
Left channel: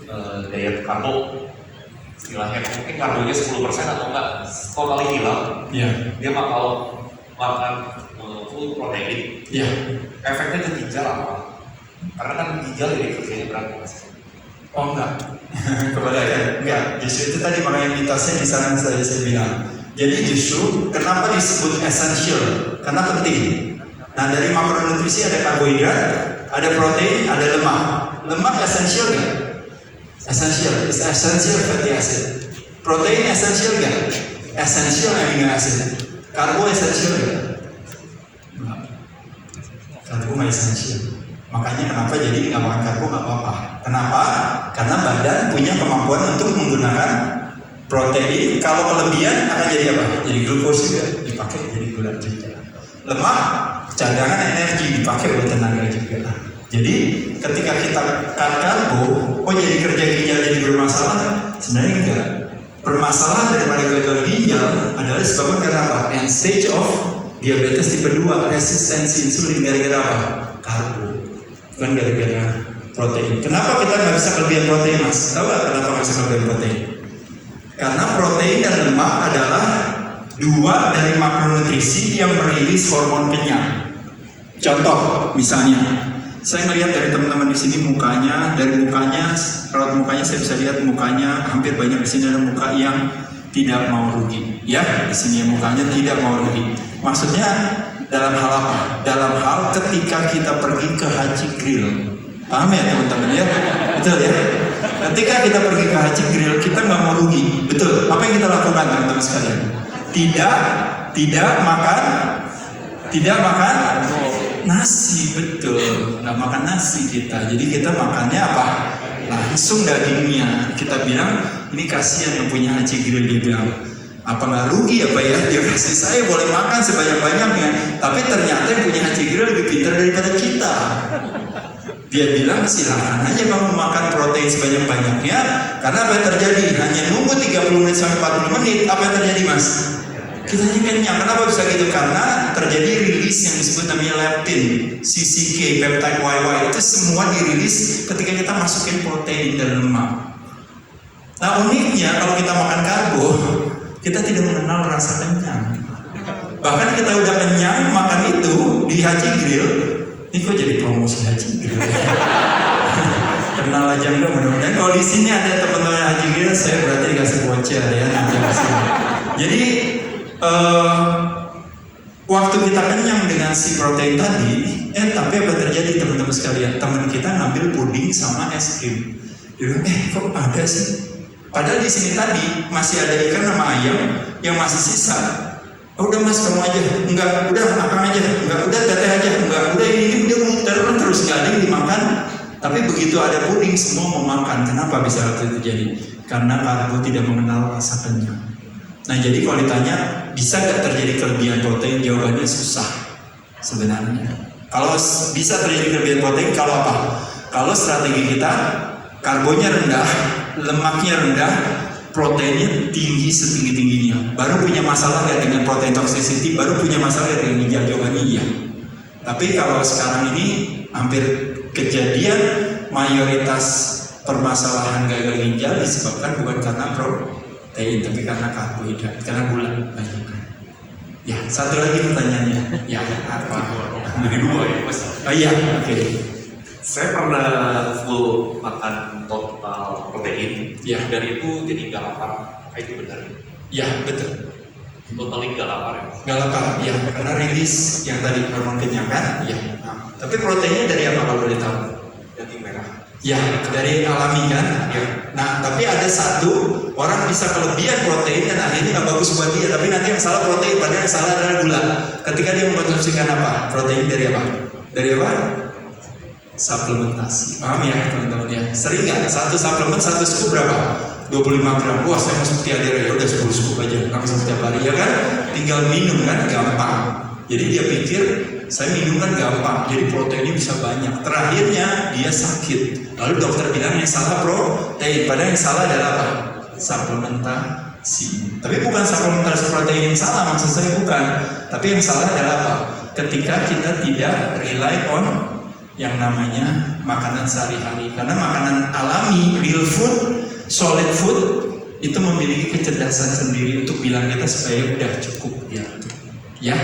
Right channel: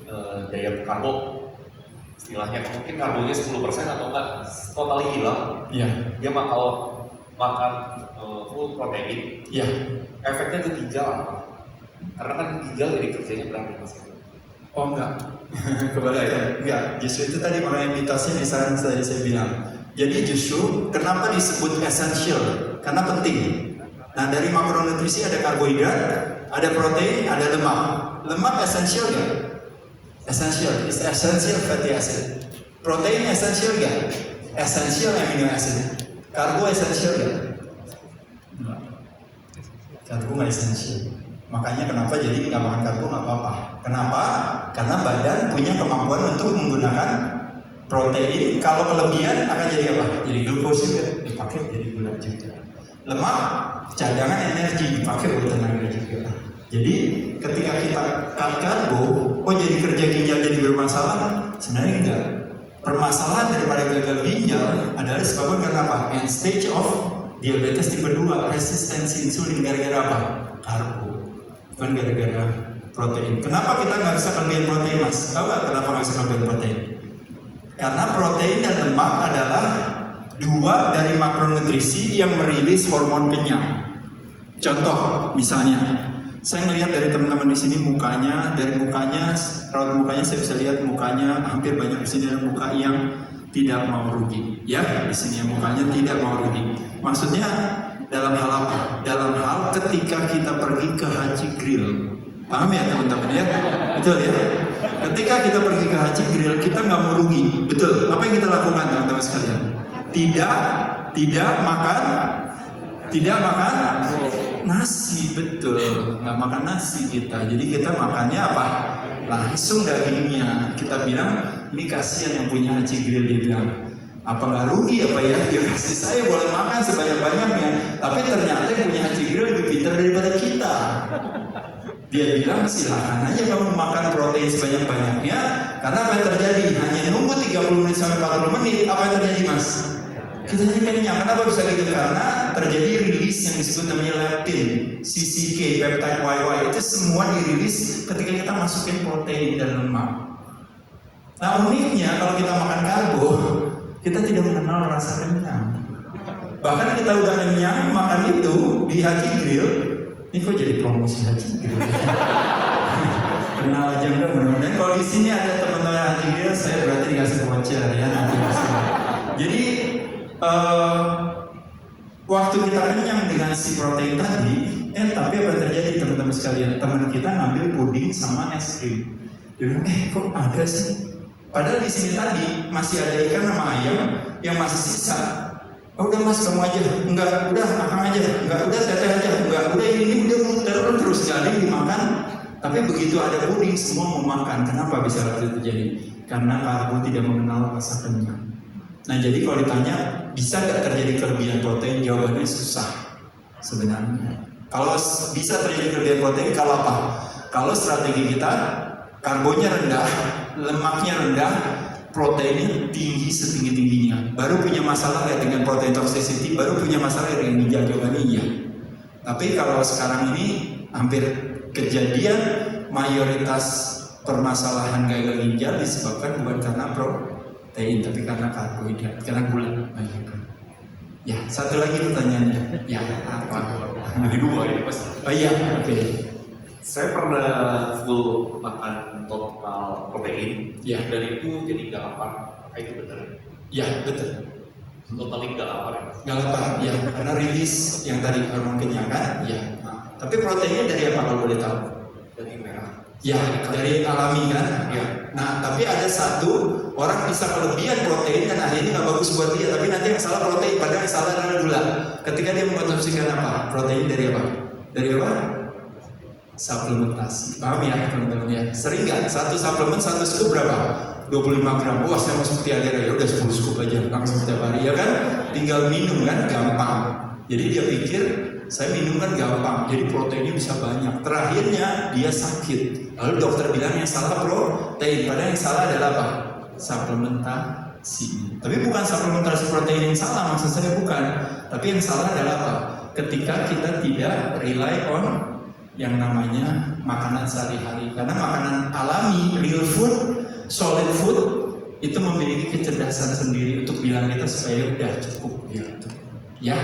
diet karbo, istilahnya mungkin karbonya 10% atau enggak totally hilang, Ya. dia bakal makan full protein. Ya. Efeknya ke ginjal apa? Karena kan ginjal jadi kerjanya berat mas. Oh enggak. Kebalikan. Enggak. Justru itu tadi makanya mitosnya di sana saya bilang. Jadi justru kenapa disebut essential? Karena penting. Nah dari makronutrisi ada karbohidrat, ada protein, ada lemak. Lemak essential nggak? Essential. It's essential fatty acid. Protein essential nggak? Essential amino acid. Karbo essential nggak? Enggak. Karbo nggak essential. Makanya kenapa jadi nggak makan karbo nggak apa-apa. Kenapa? Karena badan punya kemampuan untuk menggunakan protein. Kalau kelebihan akan jadi apa? Jadi glukos juga dipakai jadi gula juga. Lemak cadangan energi dipakai buat tenaga juga. Jadi ketika kita cut karbo, oh jadi kerja ginjal jadi bermasalah? Sebenarnya enggak. Permasalahan daripada gagal ginjal adalah disebabkan karena apa? End stage of diabetes tipe 2, resistensi insulin gara-gara apa? Karbo. Bukan gara-gara protein. Kenapa kita nggak bisa kelebihan protein mas? Tahu nggak kenapa nggak bisa kelebihan protein? Karena protein dan lemak adalah 2 dari makronutrisi yang merilis hormon kenyang. Contoh, misalnya, saya melihat dari teman-teman di sini mukanya, raut mukanya saya bisa lihat mukanya hampir banyak di sini ada muka yang tidak mau rugi. Ya, di sini mukanya tidak mau rugi. Maksudnya dalam hal apa? Dalam hal ketika kita pergi ke Haji Grill. Paham ya teman-teman ya? Betul ya? Ketika kita pergi ke Haji Grill, kita nggak mau rugi. Betul. Apa yang kita lakukan teman-teman sekalian? Tidak makan nasi. Betul. Nggak makan nasi kita. Jadi kita makannya apa? Langsung dagingnya. Kita bilang, ini kasihan yang punya Haji Grill. Dia bilang, apa nggak rugi apa ya? Dia kasih saya boleh makan sebanyak-banyaknya. Tapi ternyata yang punya Haji Grill lebih pintar daripada kita. Dia bilang silakan aja kamu makan protein sebanyak-banyaknya. Karena apa yang terjadi? Hanya nunggu 30 menit sampai 40 menit. Apa yang terjadi mas? Kita kenyang. Kenapa bisa gitu? Karena terjadi rilis yang disebut namanya leptin, CCK, peptide YY. Itu semua dirilis ketika kita masukin protein dan lemak. Nah uniknya kalau kita makan karbo, kita tidak mengenal rasa kenyang. Bahkan kita udah kenyang makan itu di Haji Grill. Ini kok jadi promosi Haji Grill ya? Kenal aja enggak, mudah-mudahan kalau di sini ada teman-teman Haji Grill, saya berarti dikasih voucher ya nanti kesini. Jadi waktu kita kenyang dengan si protein tadi, tapi apa yang terjadi teman-teman sekalian? Teman kita ngambil puding sama es krim. Dia bilang, kok ada sih? Padahal di sini tadi masih ada ikan sama ayam yang masih sisa. Oh, udah mas kamu aja, enggak, udah akang aja, enggak, udah teteh aja, enggak, udah ini dia muter terus gak ada yang dimakan. Tapi begitu ada puding semua mau makan. Kenapa bisa itu terjadi? Karena karbo tidak mengenal rasa kenyang. Nah jadi kalau ditanya bisa nggak terjadi kelebihan protein, jawabannya susah sebenarnya. Kalau bisa terjadi kelebihan protein kalau apa? Kalau strategi kita karbonya rendah, lemaknya rendah, proteinnya tinggi setinggi-tingginya, baru punya masalah nggak dengan protein toxicity, baru punya masalah dengan ginjal, jawabannya iya. Tapi kalau sekarang ini hampir kejadian mayoritas permasalahan gagal ginjal disebabkan bukan karena protein, tapi karena karbohidrat, karena gula banyak. Ya, satu lagi pertanyaannya. Ya, apa? Jadi 2 ya Mas. Oh iya, oke. Saya pernah full makan total protein, Iya. dan itu jadi nggak lapar. Itu benar. Ya, betul. Totally nggak lapar ya. Nggak lapar, ya, karena rilis yang tadi hormon kenyang kan? Ya. Nah, tapi proteinnya dari apa kalau boleh tahu? Daging merah. Ya, dari alami kan? Ya. Nah, tapi ada satu orang bisa kelebihan protein dan akhirnya nggak bagus buat dia. Tapi nanti yang salah protein, padahal yang salah adalah gula. Ketika dia mengkonsumsikan apa? Protein dari apa? Dari apa? Suplementasi. Paham ya teman-teman ya? Sering nggak? Satu suplemen, satu scoop berapa? 25 gram. Wah, saya masuk tiada ya udah 10 scoop aja langsung setiap hari ya kan? Tinggal minum kan gampang. Jadi dia pikir saya minum kan gampang, jadi proteinnya bisa banyak. Terakhirnya dia sakit. Lalu dokter bilang yang salah protein, padahal yang salah adalah apa? Suplementasi. Tapi bukan suplementasi protein yang salah, maksud saya bukan. Tapi yang salah adalah apa? Ketika kita tidak rely on yang namanya makanan sehari-hari. Karena makanan alami, real food, solid food itu memiliki kecerdasan sendiri untuk bilang kita supaya udah cukup ya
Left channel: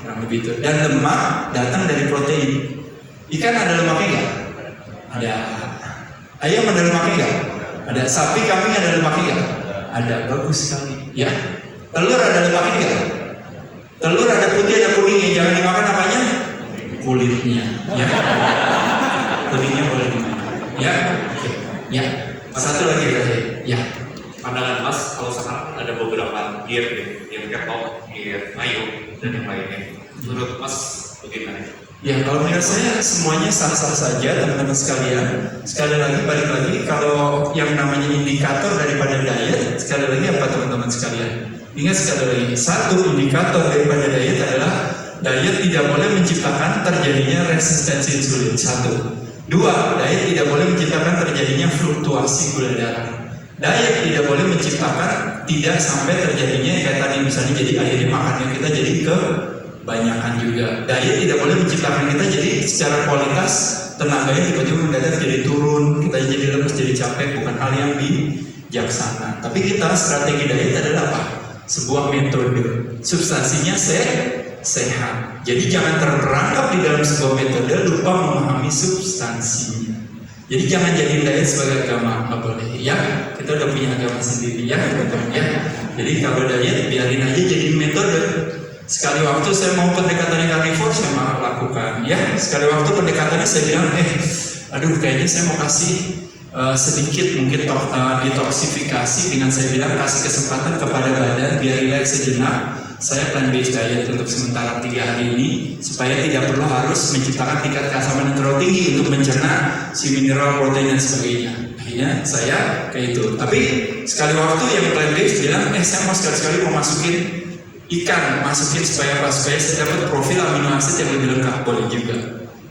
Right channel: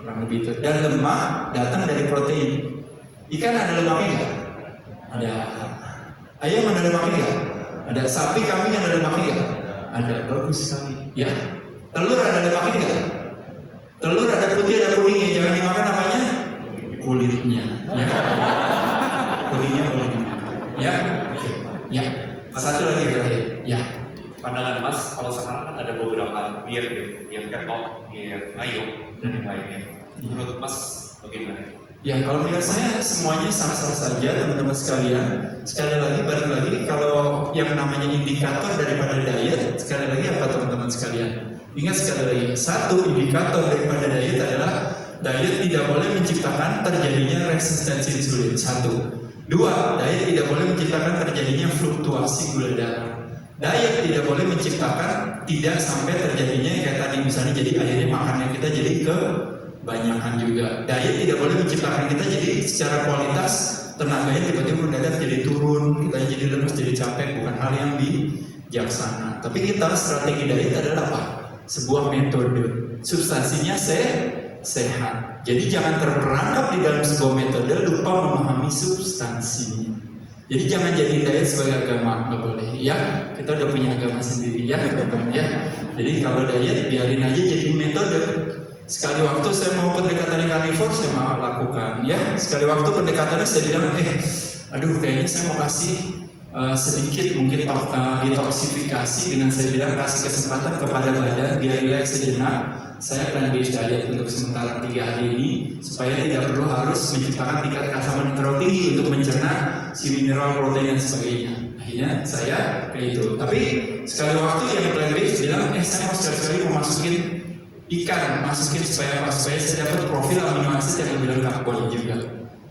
kurang lebih itu. Dan lemak datang dari protein. Ikan ada lemaknya nggak? Ada. Ayam ada lemaknya nggak? Ada. Sapi kambing ada lemaknya nggak? Ada. Bagus sekali ya. Telur ada lemaknya nggak? Telur ada putih ada kuningnya. Jangan dimakan apanya? Kulitnya ya. Kuningnya boleh dimakan ya. Oke. Ya. Satu lagi berarti ya. Pandangan Mas, kalau sekarang kan ada beberapa gear yang ketok, gear mayo, dan yang lainnya. Menurut Mas bagaimana? Ya, kalau menurut saya semuanya sah-sah saja teman-teman sekalian. Sekali lagi, balik lagi, kalau yang namanya indikator daripada diet, sekali lagi apa teman-teman sekalian? Ingat sekali lagi, satu indikator daripada diet adalah diet tidak boleh menciptakan terjadinya resistensi insulin. Satu. Dua, diet tidak boleh menciptakan terjadinya fluktuasi gula darah. Diet tidak boleh menciptakan tidak sampai terjadinya kayak tadi misalnya jadi akhirnya makannya kita jadi kebanyakan juga. Diet tidak boleh menciptakan kita jadi secara kualitas tenaganya tiba-tiba mendadak jadi turun, kita jadi lemes, jadi capek, bukan hal yang bijaksana. Tapi kita strategi diet adalah apa? Sebuah metode, substansinya sehat. Jadi jangan terperangkap di dalam sebuah metode lupa memahami substansinya. Jadi jangan jadi diet sebagai agama, nggak boleh ya. Kita udah punya agama sendiri ya teman-teman ya. Jadi kalau diet biarin aja jadi metode. Sekali waktu saya mau pendekatannya karnivor saya mau lakukan ya. Sekali waktu pendekatannya saya bilang aduh kayaknya saya mau kasih sedikit mungkin detoksifikasi dengan saya bilang kasih kesempatan kepada badan biar rileks sejenak. Saya plan based diet untuk sementara 3 hari ini supaya tidak perlu harus menciptakan tingkat keasaman yang terlalu tinggi untuk mencerna si mineral, protein dan sebagainya. Akhirnya saya kayak itu. Tapi sekali waktu yang plan based bilang, saya mau sekali-sekali mau masukin ikan, masukin supaya saya dapat profil amino acid yang lebih lengkap, boleh juga.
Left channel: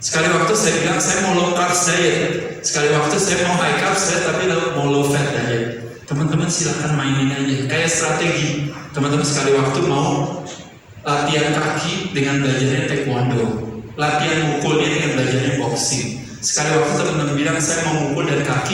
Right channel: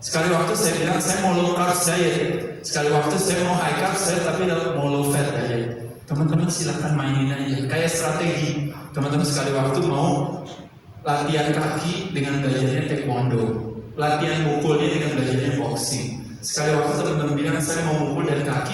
Sekali waktu saya bilang saya mau low carb diet, sekali waktu saya mau high carb diet tapi mau low fat diet. Teman-teman silahkan mainin aja, kayak strategi. Teman-teman sekali waktu mau latihan kaki dengan belajarnya taekwondo, latihan mukulnya dengan belajarnya boxing. Sekali waktu teman-teman bilang saya mau mukul dari kaki